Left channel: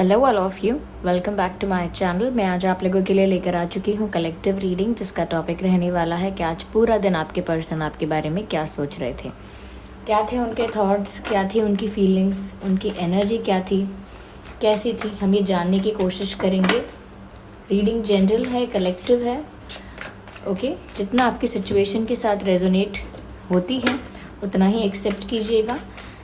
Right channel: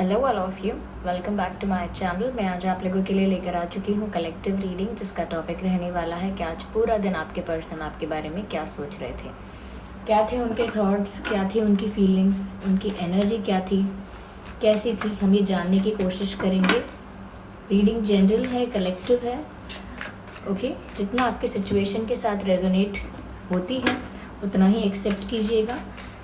Hello all of you, welcome back to my channel. मैं आज आप लोगों के लिए लेकर आ चुकी हूँ कलेक्टिव रीडिंग, जिसका टॉपिक रहने वाला है कि आज पूरा दिन आपके पर्सन आपके बारे में क्या सोच रहे थे, क्या थे उनके थॉट्स, क्या थी उनकी फीलिंग्स, उनकी एनर्जी क्या थी, कैसी थी, हम ये जानने की कोशिश करेंगे। रीडिंग जनरल है, कलेक्टिव है, ओके। जितना आपकी सिचुएशन के साथ रेजोनेट होती है उतना ही एक्सेप्ट कीजिएगा।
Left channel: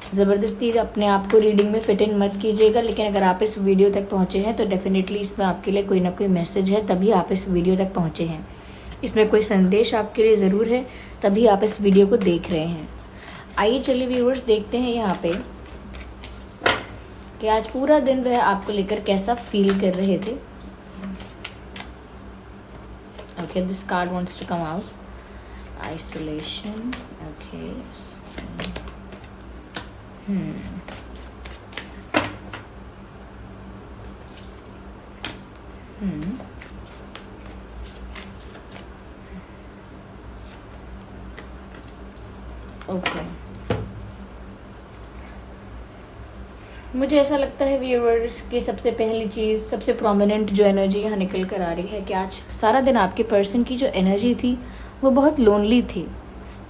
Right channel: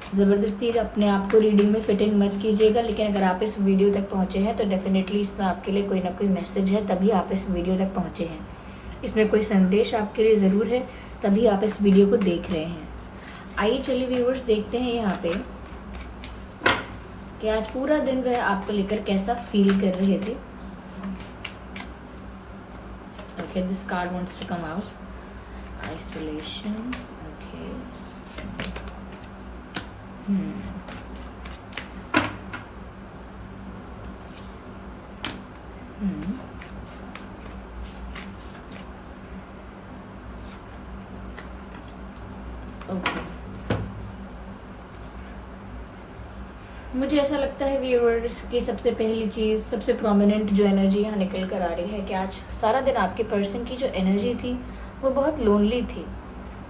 ज़बरदस्ती अपने आप को रीडिंग में फिट इन मत कीजिएगा। लेकिन अगर आप इस वीडियो तक पहुँचे हैं तो डेफिनेटली इसमें आपके लिए कोई ना कोई मैसेज है, तभी आप इस वीडियो तक पहुँचे हैं। इसमें कोई संदेश आपके लिए ज़रूर है, तभी आप इस वीडियो को देख रहे हैं। आइए चलिए व्यूअर्स, देखते हैं यहाँ पे कि आज पूरा दिन वह आपको लेकर कैसा फील कर रहे थे। Okay, this card wants to come out. Isolation, okay. Okay, मुझे ऐसा लगता है व्यूअर्स की सबसे पहली चीज़, सबसे प्रोमिनेंट जो एनर्जी यहाँ निकल कर आ रही है कि आज सारा दिन आपके पर्सन की जो एनर्जी थी वो बहुत लोनली थी,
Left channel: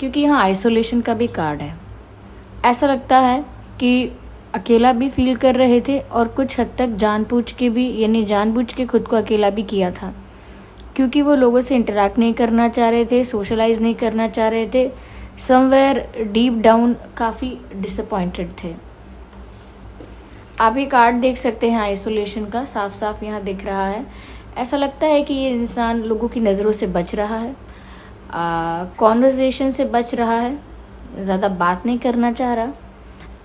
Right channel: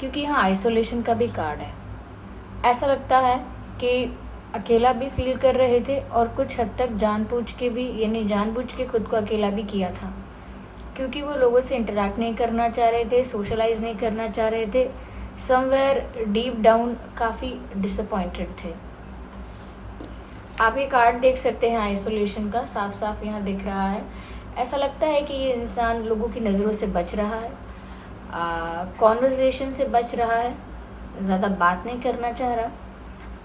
क्योंकि यहाँ आइसोलेशन का भी कार्ड है। ऐसा लगता है कि अकेला भी फील कर रहे थे और कुछ हद तक जानबूझ के भी, यानी जानबूझ के खुद को अकेला भी किया था, क्योंकि वो लोगों से इंटरेक्ट नहीं करना चाह रहे थे, सोशलाइज नहीं करना चाह रहे थे। समवेयर डीप डाउन काफ़ी डिसअपॉइंटेड थे। आप ये कार्ड देख सकते हैं आइसोलेशन का, साफ साफ यहाँ दिख रहा है। ऐसा लगता है कि ये इंसान लोगों की नज़रों से बच रहा है, कॉन्वर्जेशन से बच रहा है, ज़्यादा बात नहीं करना चाह रहा।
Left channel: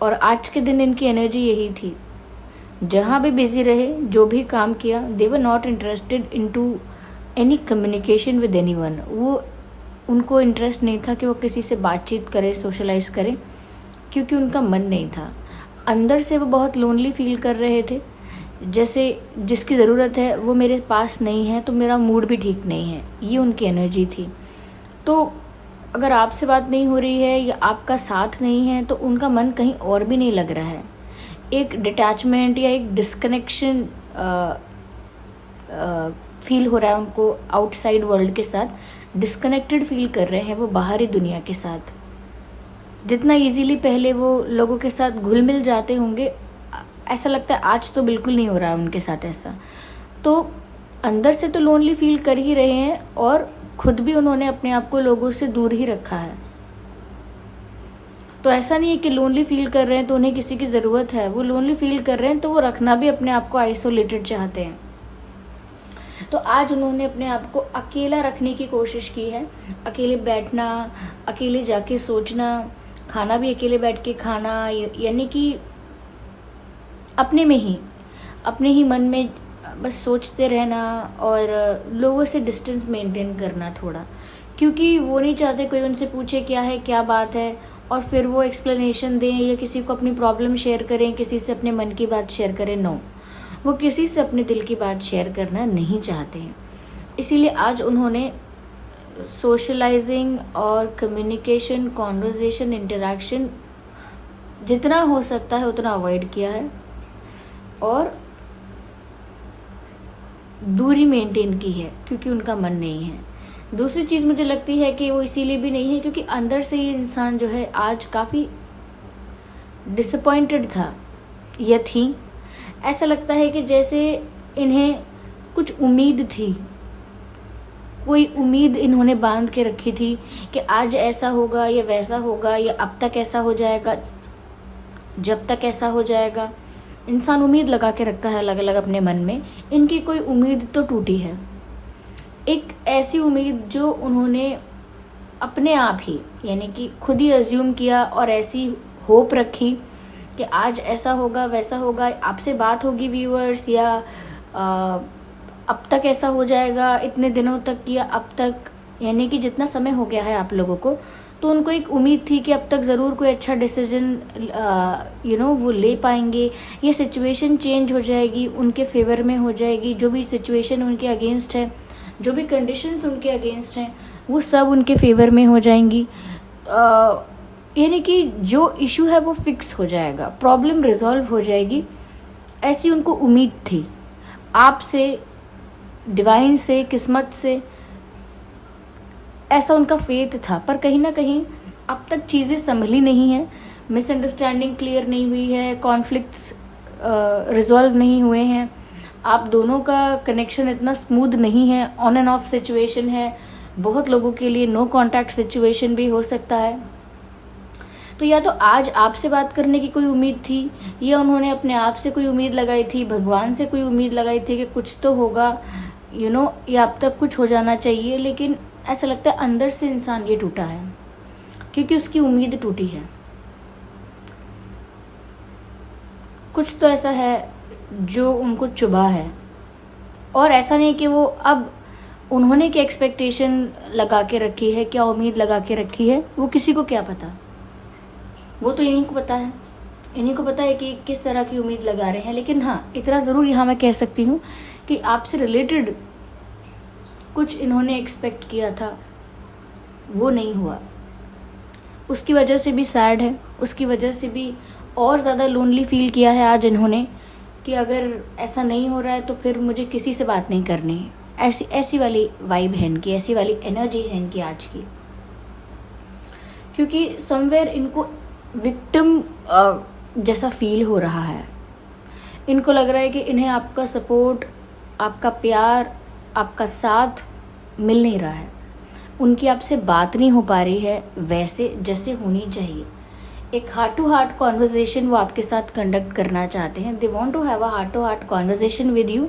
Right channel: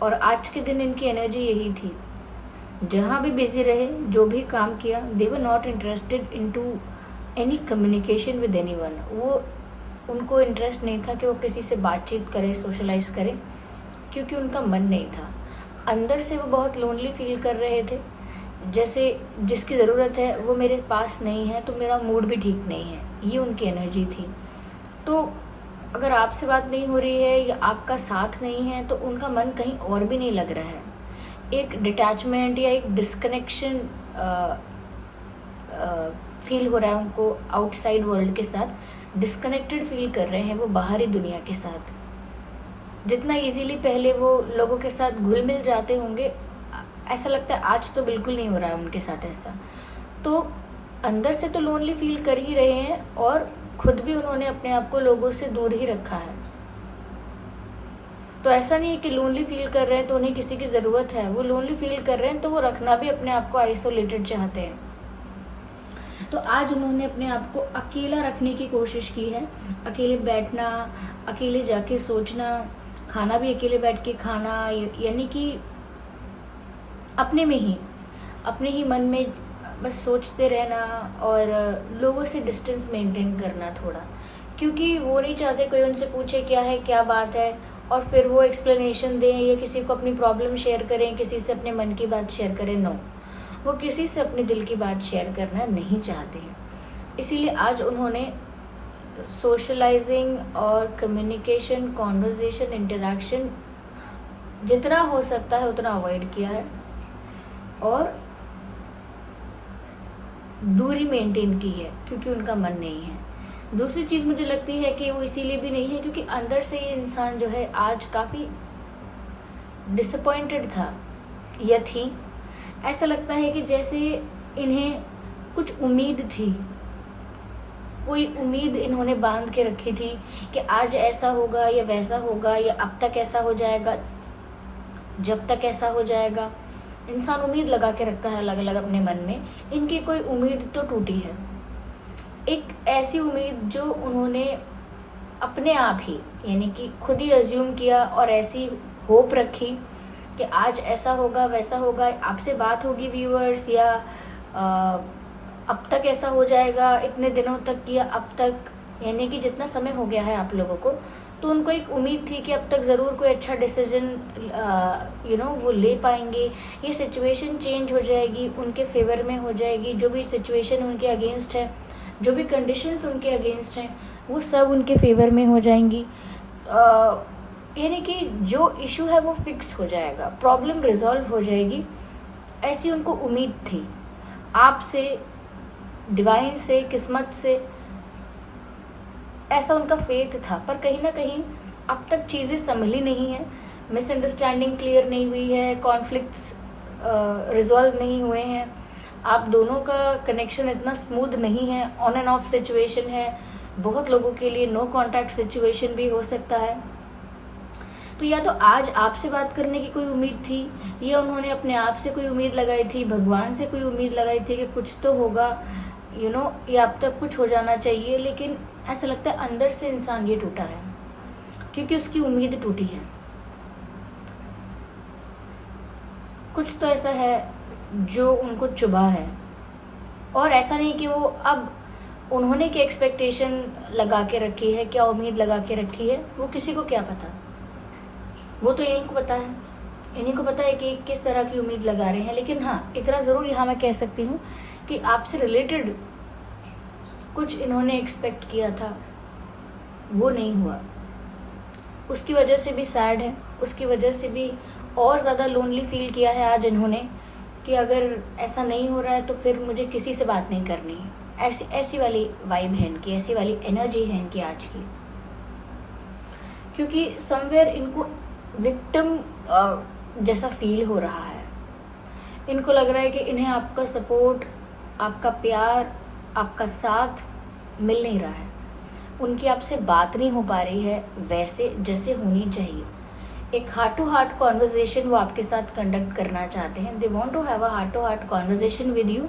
और आज के दिन इनकी एनर्जी यही थी, जहाँ भी बिजी रहे, जो भी काम किया, they were not interested into any communication with anyone. वो उनको इंटरेस्ट नहीं था कि वो किसी से बातचीत करे, सोशलाइज करे, क्योंकि उनका मन नहीं था। अंदर से वो बहुत लोनली फील कर रहे थे, जैसे जिसकी ज़रूरत है वो मेरे पास नहीं है तो मेरा मूड भी ठीक नहीं है, ये उनकी एनर्जी थी। तो अगर आपसे बात नहीं हो रही है या आपका साथ नहीं है तो उनका मन कहीं और भी नहीं लग रहा है। एक डिटैचमेंट या एक डिस्कनेक्शन फील हो रहा है उनको आउटसाइड वर्ल्ड के साथ। डिस्कनेक्टेड फील कर रहे हैं वो बाहरी दुनिया के साथ। जितना इजीली पहले वो लोगों के साथ घुल मिल जाते होंगे, ऐसा लगता है आज तो बिल्कुल नहीं हो रहा है उनके साथ ऐसा। तो अंदर से तो लोनली फील कर ही रहे हैं और खुद भी उन्होंने अपने आप को लोगों से दूर ही रखा है। तो ऐसा नहीं है कि लोनली फील कर रहे हैं तो उन्हें किसी की ज़रूरत है, वो लोनली फील कर रहे हैं तो वो रखना भी अपने आप को आइसोलेटेड चाहते हैं। तो आज उन्होंने अपने आप को अकेला रखने की कोशिश की है। अकेले बैठना, अकेले जाके सोचना, खाना भी अकेले बैठ के खाना, यानी कि अपने में ही, अपने ही मन में बस सोचते रहना और लोगों से डिस्टेंस मेंटेन करना थोड़ा, क्योंकि वो नहीं चाहते कोई उनसे पूछे क्या है, क्या बात है, और फिर वो एक्सप्लेनेशन दें या किसी को अपनी प्रॉब्लम शेयर करें, किसी से अपने मन की बात शेयर करें। नो, वो किसी से अपने दिल की बात शेयर करना नहीं चाहते हैं। इसीलिए आज उन्होंने सोशलाइजिंग और कम्युनिकेशन, कॉन्वर्जेशन, इंटरेक्शन जितना हो सकता है उतना अवॉइड किया है और दूरी मेंटेन की है, क्योंकि उनका मन नहीं है। दूसरी चीज़ मुझे लगती है कि वो इसीलिए भी नहीं है क्योंकि अंदर से ये इंसान जो है आज काफ़ी डिसअपॉइंटेड था या थी। ऐसा लगता है कि जैसे इन्हें कुछ उम्मीद थी, कोई उम्मीद इन्होंने बांध के रखी थी कि आज ऐसा होगा या वैसा होगा या अब तक ऐसा हो जाएगा, जब तक ऐसा हो जाएगा। इंसान उम्मीद लगा के रखता है अलग अलग अपने मन में। इनकी कोई उम्मीद तो टूटी है, एक ऐसी उम्मीद जो उन्होंने अपने आप ही, यानी कि खुद ही अज्यूम किया और ऐसी होप रखी कि आज ऐसा होगा, वैसा होगा, आपसे बात होगी व्यूअर्स, या अब तक ऐसा हो जाएगा, इतने दिनों तक या अब तक, यानी कि जितना समय हो गया है आप लोगों को, तो उनको एक उम्मीद थी कि अब तक ज़रूर कोई अच्छा डिसीजन वो ले पाएंगे, ये सिचुएशन चेंज हो जाएगी, उनके फेवर में हो जाएगी। जो भी सिचुएशन उनके अगेंस्ट है, जो भी कंडीशंस उनके अगेंस्ट हैं, वो सब उनके फेवर में हो जाएंगी। यानी कि जो इशू है वो फिक्स हो जाएगा, प्रॉब्लम रिजॉल्व हो जाएगी। ऐसी उनको उम्मीद थी आपसे, डिवाइन से, किस्मत से, ऐसा उनका फेथ था। पर कहीं ना कहीं अब तक चीज़ें संभली नहीं है, मिसअंडरस्टैंडिंग क्लियर नहीं हुई है, कॉन्फ्लिक्ट्स रिजॉल्व नहीं हुए हैं, आप दोनों का कनेक्शन इतना स्मूथ नहीं है, ऑन एंड ऑफ सिचुएशन है, बहुत लोगों के लिए नो कांटेक्ट सिचुएशन भी हो सकता है। तो या तो आज आपसे बात करने की कोई उम्मीद थी, या उन्होंने अपने आप से कोई उम्मीद लगाई थी, भगवान से कोई उम्मीद लगाई थी कि कुछ तो होगा, या अब तक कुछ हो जाना चाहिए। लेकिन ऐसा लगता है अंदर से इंसान ये टूटा है, क्योंकि उसकी उम्मीद टूटी है। कुछ तो ऐसा है जो उनको चुभा है, और ऐसा नहीं कि वो अब उन्होंने क्या एक्सपेक्टेशन लगा के रखी है, क्या उम्मीद लगा के रखी है, वो किसी को क्या पता, वो तो इन्हीं को पता है। इन्हीं को पता है कि किस तरह की उम्मीद लगा रहे हैं। लेकिन हाँ, इतना ज़रूर यहाँ मैं कह सकती हूँ कि आपसे रिलेटेड कुछ इन्होंने एक्सपेक्ट किया था, वो नहीं हुआ। उसकी वजह से भी सैड है, उसकी वजह से भी और ज़्यादा लोनली फील किया है आज इन्होंने, कि अगर ऐसा नहीं हो रहा है तो फिर मुझे किसी से बात नहीं करनी है। ऐसी वाली वाइब है इनकी, ऐसी वाली एनर्जी है इनकी आज की। क्योंकि समवेयर इनको विक्टिम जैसा फील हो रहा है। इनको लग रहा है कि इन्हें आपका सपोर्ट, आपका प्यार, आपका साथ मिल नहीं रहा है। उनकी आपसे बात नहीं हो पा रही है वैसे जैसे होनी चाहिए। एक हार्ट टू हार्ट कॉन्वर्जेशन वो आपके साथ कंडक्ट करना चाहते हैं। They want to have a heart to heart conversation with you,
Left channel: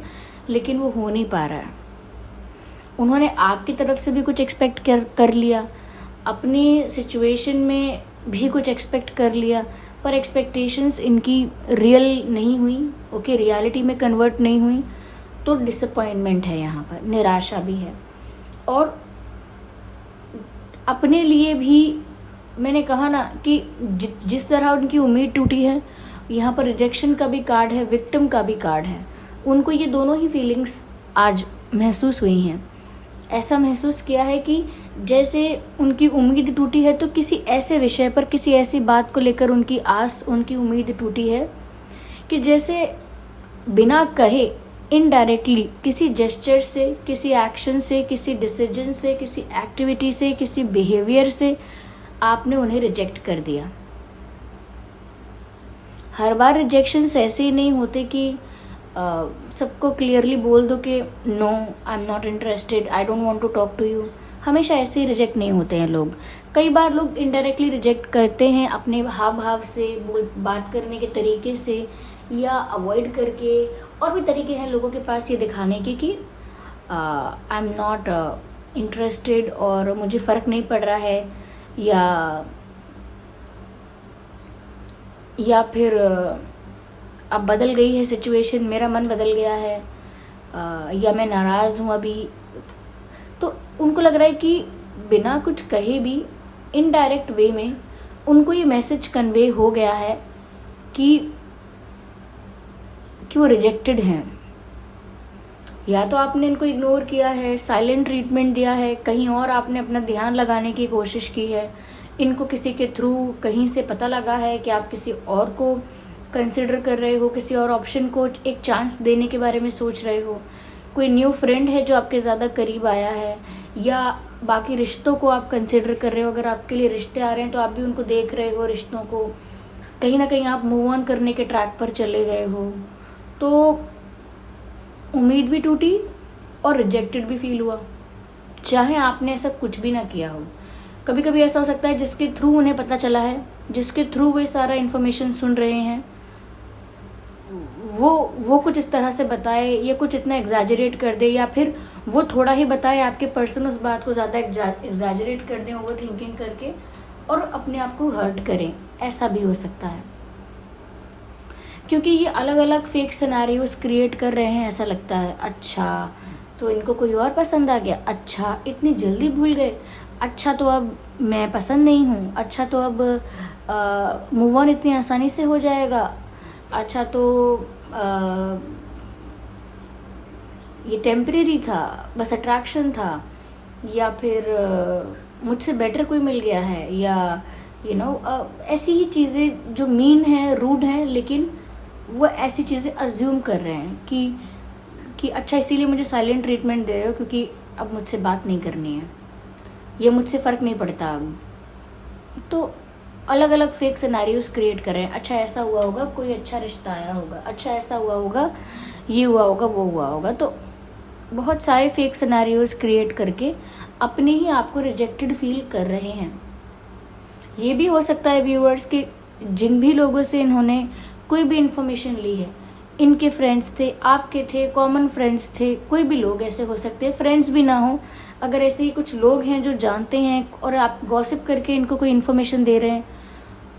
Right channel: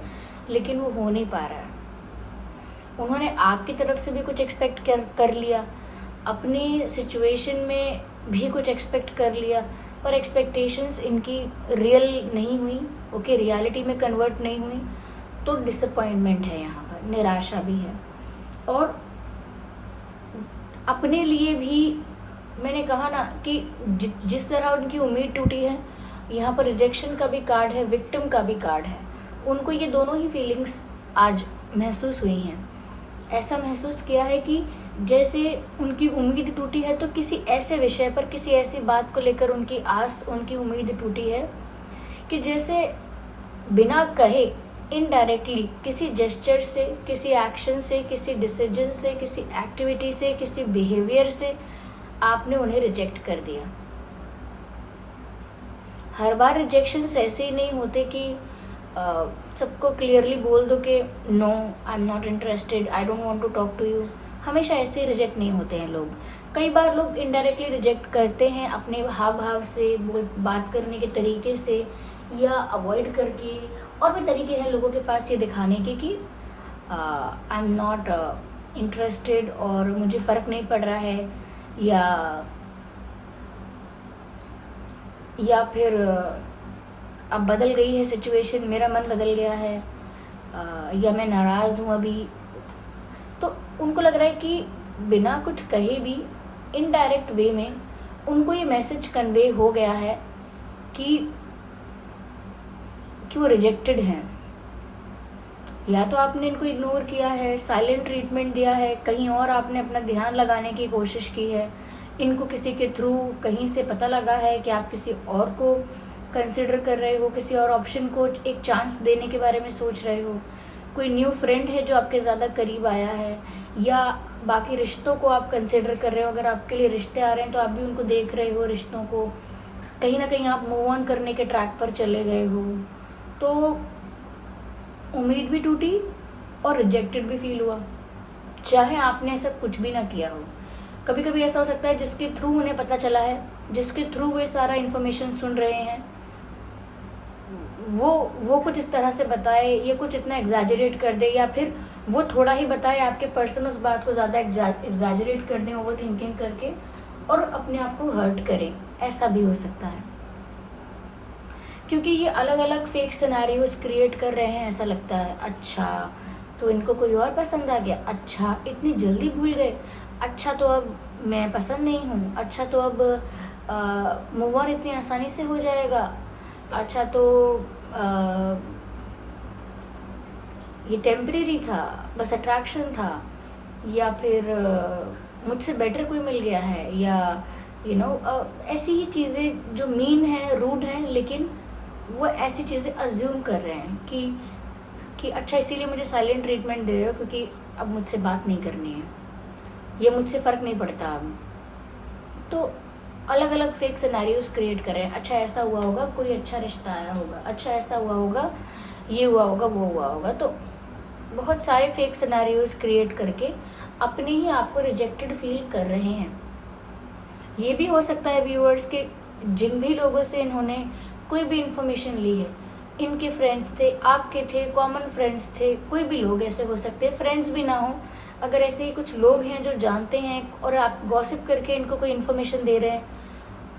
लेकिन वो हो नहीं पा रहा है। उन्होंने आपकी तरफ से भी कुछ एक्सपेक्ट कर लिया, अपनी सिचुएशन में भी कुछ एक्सपेक्ट कर लिया, पर एक्सपेक्टेशंस इनकी रियल नहीं हुई, ओके, रियलिटी में कन्वर्ट नहीं हुई। तो डिसअपॉइंटमेंट है यहाँ पर, निराशा भी है। और अपने लिए भी मैंने कहा ना कि जिस तरह उनकी उम्मीद टूटी है, यहाँ पर रिजेक्शन का भी कार्ड है, विक्टिम का भी कार्ड है। उनको ये दोनों ही फीलिंग्स आज महसूस हुई हैं। ऐसा महसूस किया है कि जैसे उनकी उम्मीद टूटी है, तो किसी ऐसे विषय पर, किसी ऐसी बात को लेकर उनकी आस, उनकी उम्मीद टूटी है कि जैसे बिना कहे इनडायरेक्टली किसी जेस्चर से, किसी एक्शन से, किसी डिसीजन से, किसी एक्टिविटी से, किसी बिहेवियर से आपने उन्हें रिजेक्ट कर दिया। हर बार रिजेक्शंस ऐसे ही नहीं होते कि सबको क्लियरली बोल दो कि no, I am not interested, I don't want to talk to you. हमेशा ऐसे ही रिजेक्ट नहीं होते हैं लोग। कई बार लोग इनडायरेक्टली रिजेक्ट करते हैं, अपने हाव भाव से, बात करने के तरीके से, या अवॉइड करके। और भी तरीके हैं लोगों के पास ये दिखाने के कि आई एम नॉट इंटरेस्टेड, और मुझे फ़र्क नहीं पड़ रहा है, या फिर अब बदल गई है सिचुएशन, मेरा मन बदल गया है, या मैं नाराज़ हूँ अभी। तो उनको लग रहा है कि बिना कुछ कहे भी इनडायरेक्ट वे में उनको ये मैसेज कन्वे हो गया है कि वो रिजेक्टेड हैं। या तो आपने इनको इग्नोर किया है, साइलेंट ट्रीटमेंट दिया है, कहीं और आपने अपना ध्यान लगाने की कोशिश की है, इनको किसी के थ्रू कहीं से पता लगा है कि आप किसी और को कंसिडर कर रहे हो, किसी और ऑप्शन को एक चांस देने के बारे में सोच रहे हो, कोई न्यू फ्रेंड है जो आपके ज़्यादा करीब आया है, या बाकी रिश्तों को आप कंसिडर कर रहे हो। अगर आपके लिए रिश्ते आ रहे हैं तो आप भी उनको देख रहे हो, रिश्तों को। कहीं ना कहीं आप मूव ऑन करने के ट्रैक पर चले गए हो। तो उम्मीद भी टूटी और रिजेक्टेड भी फील हुआ, चाहे आपने ऐसा कुछ भी ना किया हो। कभी कभी ऐसा हो सकता है जिसके थ्रू उन्हें पता चला है, जिसके थ्रू वे सारा इन्फॉर्मेशन सुन रहे हैं, वो कुछ इस तरह से बताए, या कुछ इतना एग्जैजरेट कर दे, या फिर वो थोड़ा ही बताए, आपके पर्सन उस बात को ज़्यादा एग्जैजरेट कर दें ओवर थिंकिंग करके, और अपने आप को हर्ट करें। ऐसा भी हो सकता है, क्योंकि ये अलग अलग फेक सिनेरियोस क्रिएट कर रहे हैं। ऐसा लगता है, अच्छा तो इनको कोई और पसंद आ गया, अच्छा इतनी jल्दी भूल गए, अच्छा तो अब मैं पसंद नहीं हूँ, अच्छा तो अब मूव ऑन इतनी आसानी से हो जाएगा, अच्छा तो ये टेम्परेरी था, बस अट्रैक्शन था, या फिर मुझसे बेटर कोई मिल गया है, या ऐसी ही चीज़ें जो मीन हैं, रूड हैं, लेकिन वो ऐसी चीज़ें अज्यूम कर रहे हैं कि अच्छा इसीलिए मुझे साइलेंट ट्रीटमेंट दे रहे हो क्योंकि अब मुझसे बात नहीं करनी है, ये मुझसे फ़र्क नहीं पड़ता अब। तो अलग अलग फेक सिनेरियोज क्रिएट कर रहे हैं। अच्छा ऐसा हुआ होगा, कोई अच्छा रिश्ता आया होगा, अच्छा ऐसा हुआ होगा, ये हुआ होगा, वो हुआ होगा। तो बहुत सारे फेक सिनेरियोज क्रिएट करके अपने ही आप को रिजेक्टेड फील कर रहे हैं। ये भी हो सकता है व्यूअर्स कि जिन भी लोगों से इन्होंने कोई भी इंफॉर्मेशन ली है, इनके फ्रेंड्स थे, आपके थे, कॉमन फ्रेंड्स थे, कोई भी लोग ऐसे हो सकते हैं, फ्रेंड्स भी ना हो। अगर ऐसे ही कुछ लोग हैं जो जानते हैं और आप गॉसिप करके इनको कोई इन्फॉर्मेशन दे रहे हैं,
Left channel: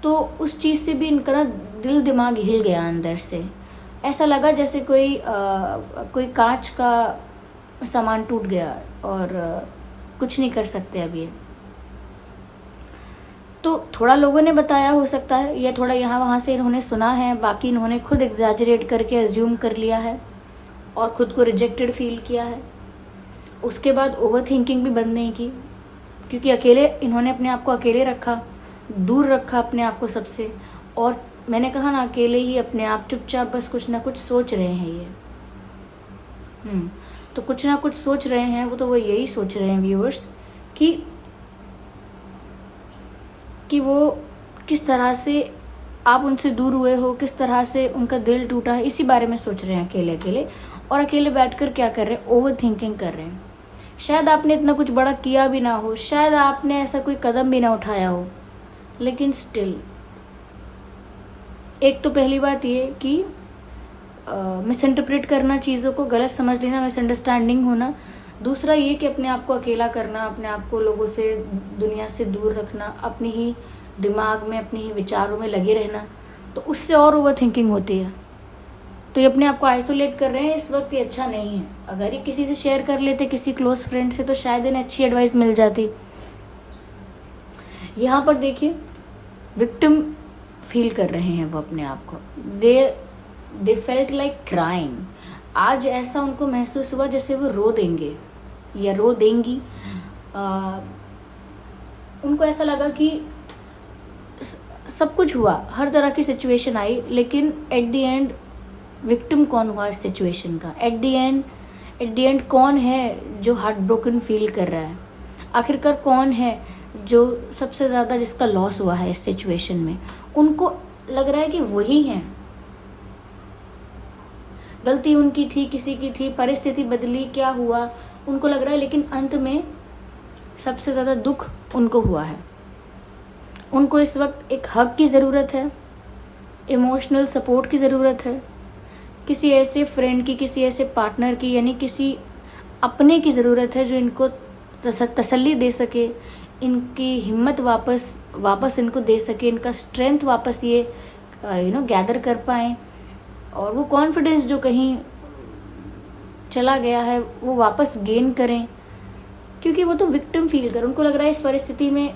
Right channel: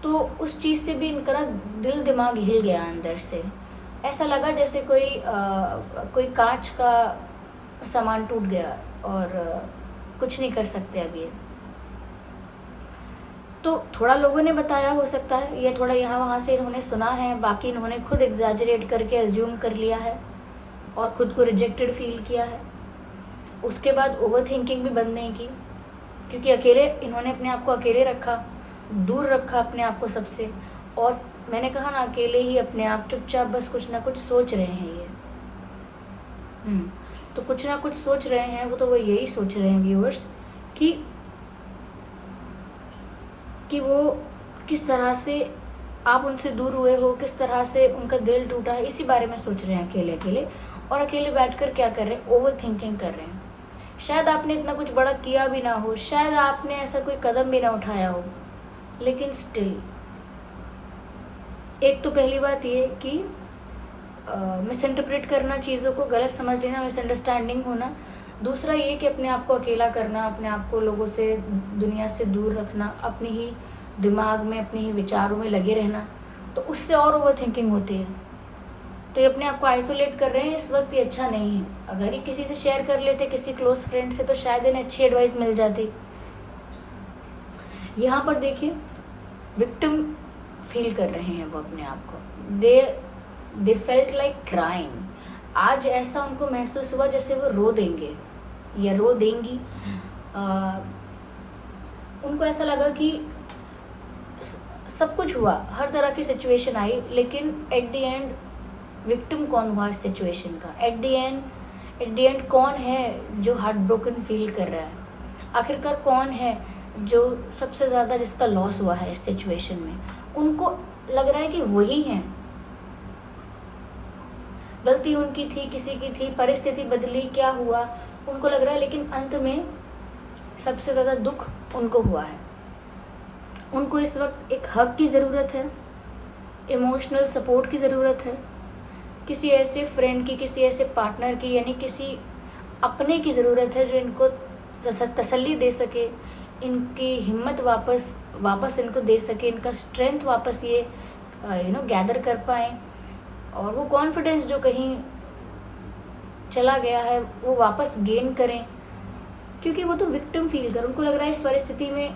तो उस चीज़ से भी इनका ना दिल दिमाग हिल गया अंदर से। ऐसा लगा जैसे कोई कांच का सामान टूट गया और कुछ नहीं कर सकते अब ये। तो थोड़ा लोगों ने बताया हो सकता है, या थोड़ा यहाँ वहाँ से इन्होंने सुना है, बाकी इन्होंने खुद एग्जैजरेट करके अज्यूम कर लिया है और खुद को रिजेक्टेड फील किया है। उसके बाद ओवर थिंकिंग भी बंद नहीं की, क्योंकि अकेले इन्होंने अपने आप को अकेले रखा, दूर रखा अपने आप को सबसे। और मैंने कहा ना, अकेले ही अपने आप चुपचाप बस कुछ ना कुछ सोच रहे हैं ये। तो कुछ ना कुछ सोच रहे हैं वो यही सोच रहे हैं व्यूअर्स कि वो किस तरह से आप उनसे दूर हुए हो, किस तरह से उनका दिल टूटा है, इसी बारे में सोच रहे हैं अकेले अकेले। और अकेले बैठकर क्या कर रहे हैं, ओवर थिंकिंग कर रहे हैं। शायद आपने इतना कुछ बड़ा किया भी ना हो, शायद आपने ऐसा कोई कदम भी ना उठाया हो, लेकिन स्टिल एक तो पहली बात ये कि मिसइंटरप्रेट करना, चीज़ों को गलत समझ लेना, मिसअंडरस्टैंडिंग होना। दूसरा ये कि अपने आप को अकेला करना, अपने आप को लोगों से, दुनिया से दूर रखना, अपने ही दिमाग में, अपने ही विचारों में लगे रहना, तो उससे और ओवर थिंकिंग होती है। तो ये अपने आप को आइसोलेट कर रहे हैं इस वक्त, ये अच्छा नहीं है। अगर ये किसी से शेयर कर लेते, किसी क्लोज फ्रेंड से, तो शायद इन्हें अच्छी एडवाइस मिल जाती। यहाँ पर देखिए, विक्टिम फील कर रहे हैं वो अपने आप को। They felt like crying. आज ऐसा उनको महसूस हुआ जैसे वो रो देंगे या रो देंगी। उनको ऐसा लगा कि सब कुछ हुआ, हर तरह की सिचुएशन आई, लेकिन एट द एंड विक्टिम कौन हुआ इस सिचुएशन का? एट द एंड कौन है जो हार्ट ब्रोकन फील कर रहा है? आखिरकार कौन है जो सबसे ज़्यादा जिसका लॉस हुआ है इस सिचुएशन में? उनको लग रहा है कि वही है। गलती उनकी थी, किसी की थी, परिस्थिति बदली, क्या हुआ उनको लग रहा है, लेकिन अंत में सबसे ज़्यादा दुख उनको हुआ है। उनको इस वक्त एक हग की ज़रूरत है, इमोशनल सपोर्ट की ज़रूरत है, किसी ऐसे फ्रेंड की, किसी ऐसे पार्टनर की, यानी किसी अपने की ज़रूरत है जो इनको तसल्ली दे सके, इनकी हिम्मत वापस इनको दे सके, इनका स्ट्रेंथ वापस ये गैदर कर पाएँ, और वो कॉन्फिडेंस जो कहीं चला गया है वो वापस गेन करें। क्योंकि वो तो विक्टिम फील कर, उनको लग रहा है इस परिस्थिति में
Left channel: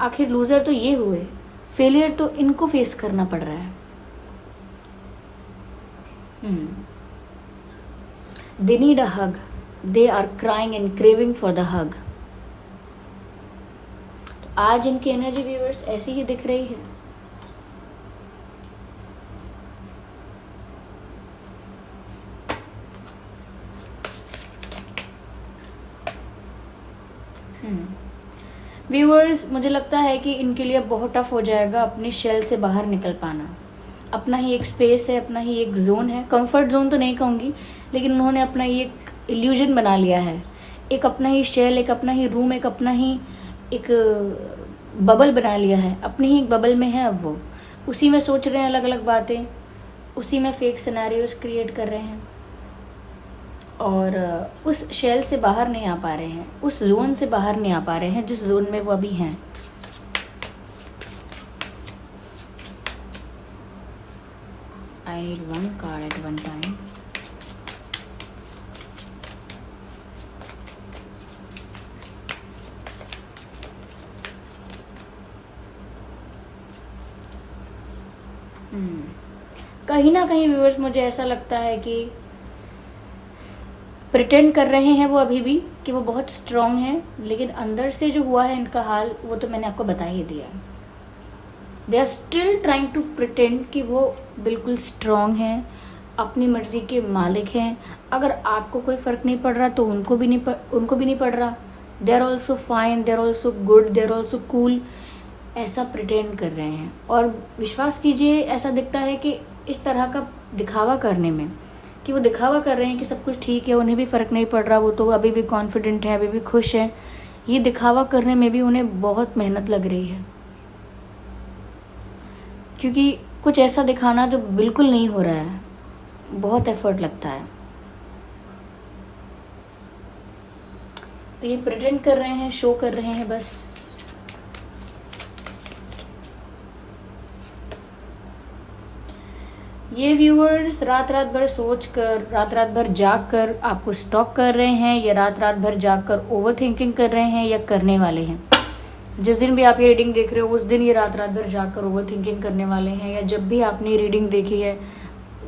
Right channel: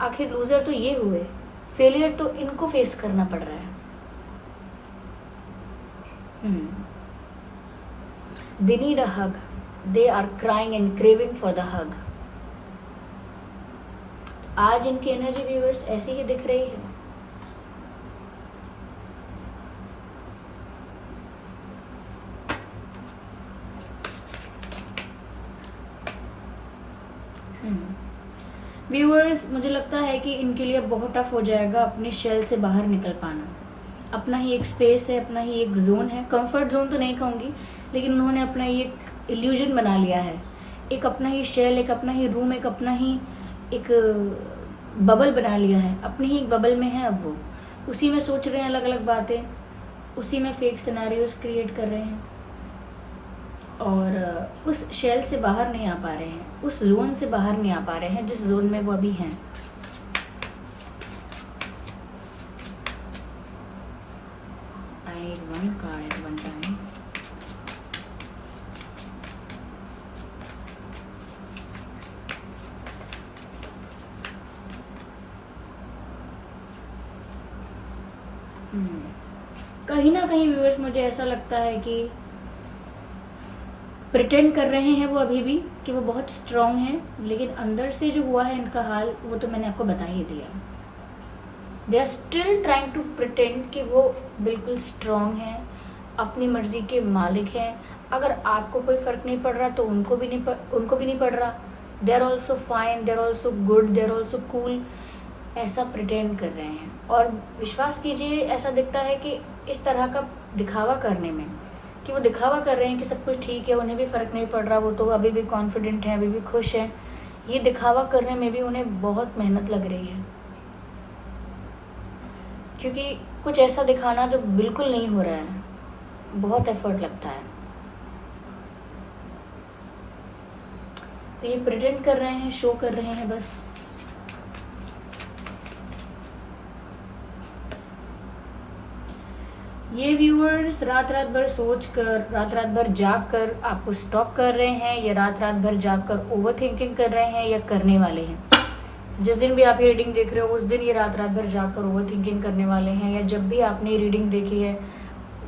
आखिर लूजर तो ये हुए, फेलियर तो इनको फेस करना पड़ रहा है। They need a hug. They are crying and craving for the hug. आज इनकी एनर्जी व्यूअर्स ऐसी ही दिख रही है। व्यूअर्स, मुझे लगता है कि इनके लिए बहुत टफ हो जाएगा अपनी शेल से बाहर निकल पाना। अपना ही एक स्पेस है, अपना ही एक जोन है, कंफर्ट जोन तो नहीं कहूँगी, लेकिन उन्होंने अपना ही एक इल्यूजन बना लिया है, एक अपना ही शेल, एक अपना ही रूम, एक अपना ही एक बबल बना लिया है। अपनी ही बबल में है, अब वो उसी में सोच रहे हैं अलग अलग बातें, उसी में फेक सिनेरियोज क्रिएट कर रहे हैं, और उस शेल से बाहर नहीं आ पा रहे हैं, उस जोन से बाहर नहीं आ पा रहे हैं जिस जोन में वो अभी हैं। I need one card at one time. कहीं ना कहीं व्यूअर्स मुझे ऐसा लगता है कि प्रिटेंड कर रहे हैं वो अभी भी कि वो बहुत स्ट्रांग हैं, लेकिन अंदर से जो हुआ है इनका हाल वो तो मैंने आपको बता ही दिया। They are still trying to pretend कि वो बिल्कुल स्ट्रांग हैं, अपनी मर्जी के मालिक हैं। अगर आपको कोई फर्क नहीं पड़ रहा तो उनको भी नहीं पड़ रहा। They are also fine, they are also good, they are also cool, ऐसा प्रिटेंड कर रहे हैं। और विश्वास कीजिए, ऐसा दिखता है कि इस तरह का दिखावा करने में, कि वो दिखावा कर रहे हैं कि सब कुछ ठीक है, उन्हें भी फर्क नहीं पड़ रहा, वो तो अभी भी कॉन्फिडेंट है, अभी भी खुश है, ये दिखावा करने में भी उन्हें बहुत मेहनत लग रही है, क्योंकि कुछ ऐसा दिखाना जो बिल्कुल नहीं हो रहा है, बहुत एफर्ट लगता है। तो ये प्रिटेंड कर रहे हैं, शो कर रहे हैं बस। ये व्यूअर्स रात भर सोच कर, रात भर जाग कर आपको स्टॉक कर रहे हैं, या रात भर जाग कर ओवर थिंकिंग कर रहे हैं, या करने वाले हैं। जिस दिन भी आप ये रीडिंग देख रहे हो उस दिन ये रात भर जाग कर ओवर थिंकिंग करने वाले हैं, या जब भी आपने रीडिंग देखी है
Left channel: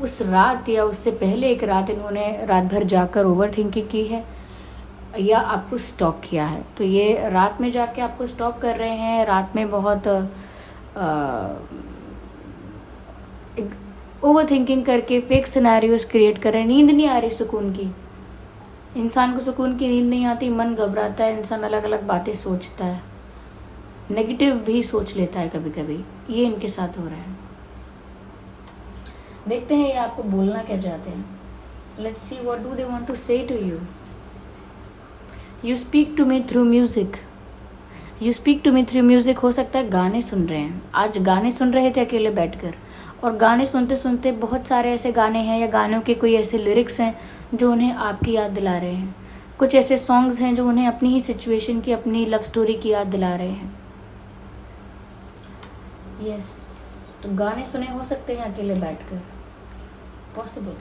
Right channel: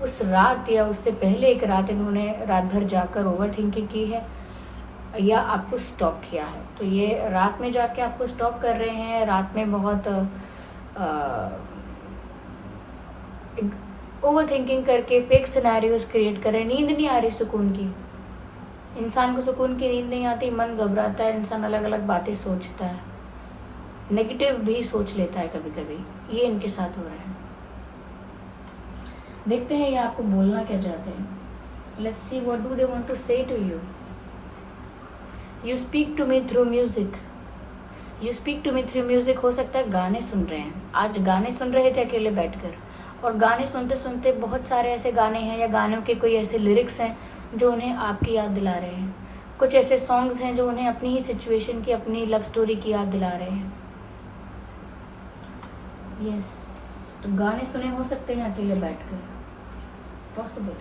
उस रात या उससे पहले एक रात इन्होंने रात भर जाग कर ओवर थिंकिंग की है, या आपको स्टॉक किया है। तो ये रात में जाके आपको स्टॉक कर रहे हैं, रात में बहुत ओवर थिंकिंग करके फेक सिनेरियोज क्रिएट कर रहे हैं। नींद नहीं आ रही सुकून की, इंसान को सुकून की नींद नहीं आती, मन घबराता है, इंसान अलग अलग बातें सोचता है, नेगेटिव भी सोच लेता है कभी कभी। ये इनके साथ हो रहा है। देखते हैं ये आपको बोलना क्या चाहते हैं। Let's see what do they want to say to you. You speak to me through music. You speak to me through music. हो सकता है गाने सुन रहे हैं, आज गाने सुन रहे थे अकेले बैठकर, और गाने सुनते सुनते बहुत सारे ऐसे गाने हैं या गानों के कोई ऐसे लिरिक्स हैं जो उन्हें आपकी याद दिला रहे हैं। कुछ ऐसे सॉन्ग्स हैं जो उन्हें अपनी ही सिचुएशन की, अपनी लव स्टोरी की याद दिला रहे हैं। यस, तो गाने सुने हो सकते हैं अकेले बैठकर, possible.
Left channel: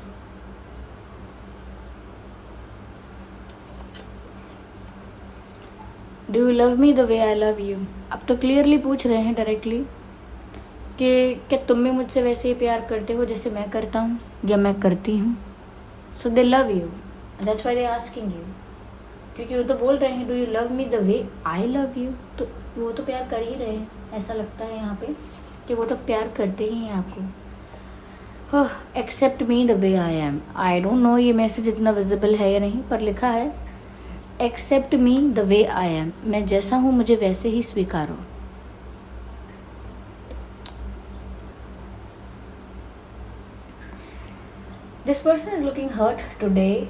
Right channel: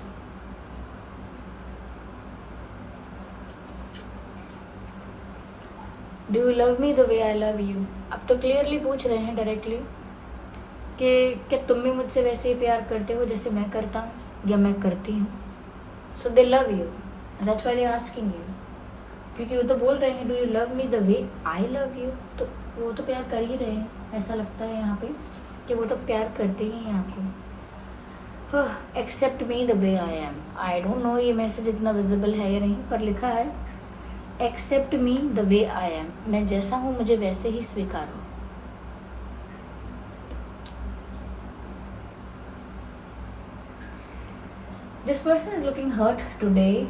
Do you love me the way I love you. अब तो क्लियरली पूछ रहे हैं डायरेक्टली कि क्या तुम भी मुझसे वैसे ही प्यार करते हो जैसे मैं करता हूँ या मैं करती हूँ। So they love you, that's why they asking you, क्योंकि वो तो बोल रहे हैं do you love me the way I love you. तो वो तो प्यार कर ही रहे हैं, ऐसा लगता है यहाँ पे कि वो तो प्यार करते ही हैं आपको। Accept me the way I am. I don't know ये मैसेज इतना विजिबल है या नहीं, पर लिखा है accept me the way I am. मैं जैसा हूँ मुझे वैसे ही स्वीकारो। This person is looking hurt today.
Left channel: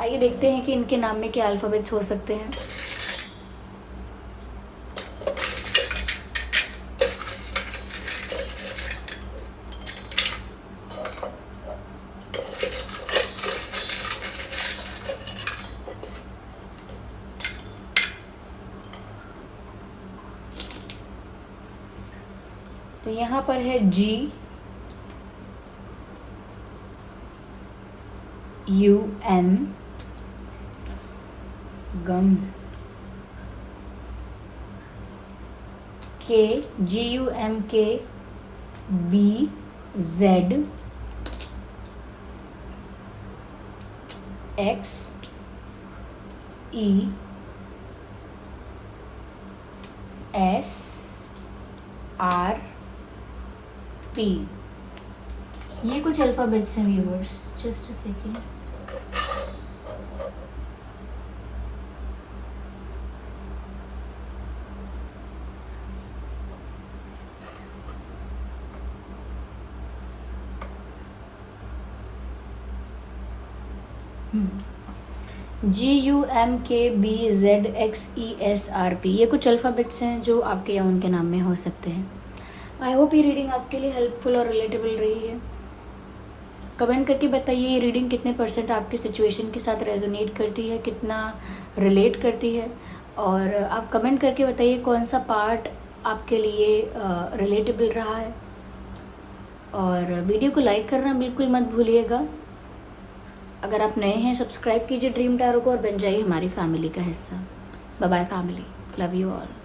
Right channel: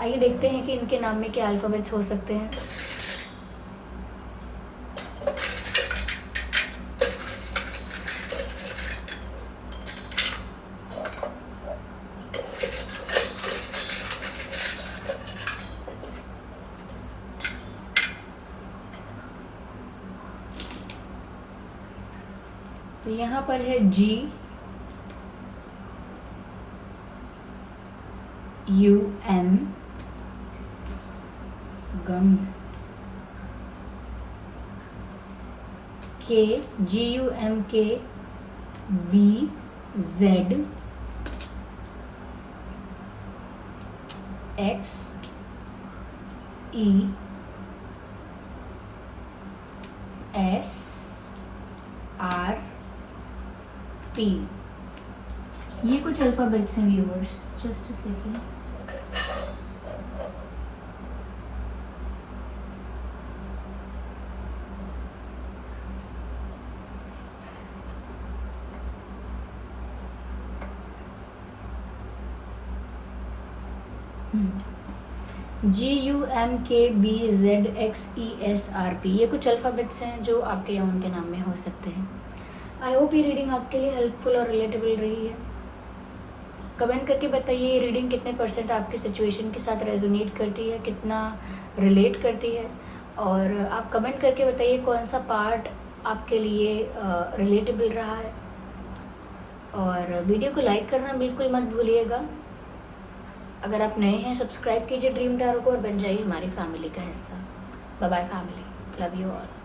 आइए देखते हैं कि इनके नाम में क्या अल्फाबेट्स हो सकते हैं। तो यहाँ पर है G U M गम, K G U M K B Z X E S R P। ये कुछ अल्फाबेट्स हैं viewers, just a second. GUMKBZXESRP, ये कुछ अल्फ़ाबेट्स हैं जो आपके या उनके नाम में हो सकते हैं। आई होप ये रीडिंग आपके लिए हेल्पफुल और रिलेटेबल रही है। कमेंट करके बताइए ये रीडिंग कितने % आपकी सिचुएशन के साथ रेजोनेट करती है, कितना रिलेट करती है, और आप कमेंट करके बताइए कौन सा पार्ट आपके लिए रिलेटेबल रहा है। और वीडियो को लाइक करना बिल्कुल मत भूलिएगा। अगर आप नए हैं सब्सक्राइब कीजिए ड्रीम टैरो को और बन जाइए हमारी फैमिली का हिस्सा। Bye bye family, love you all.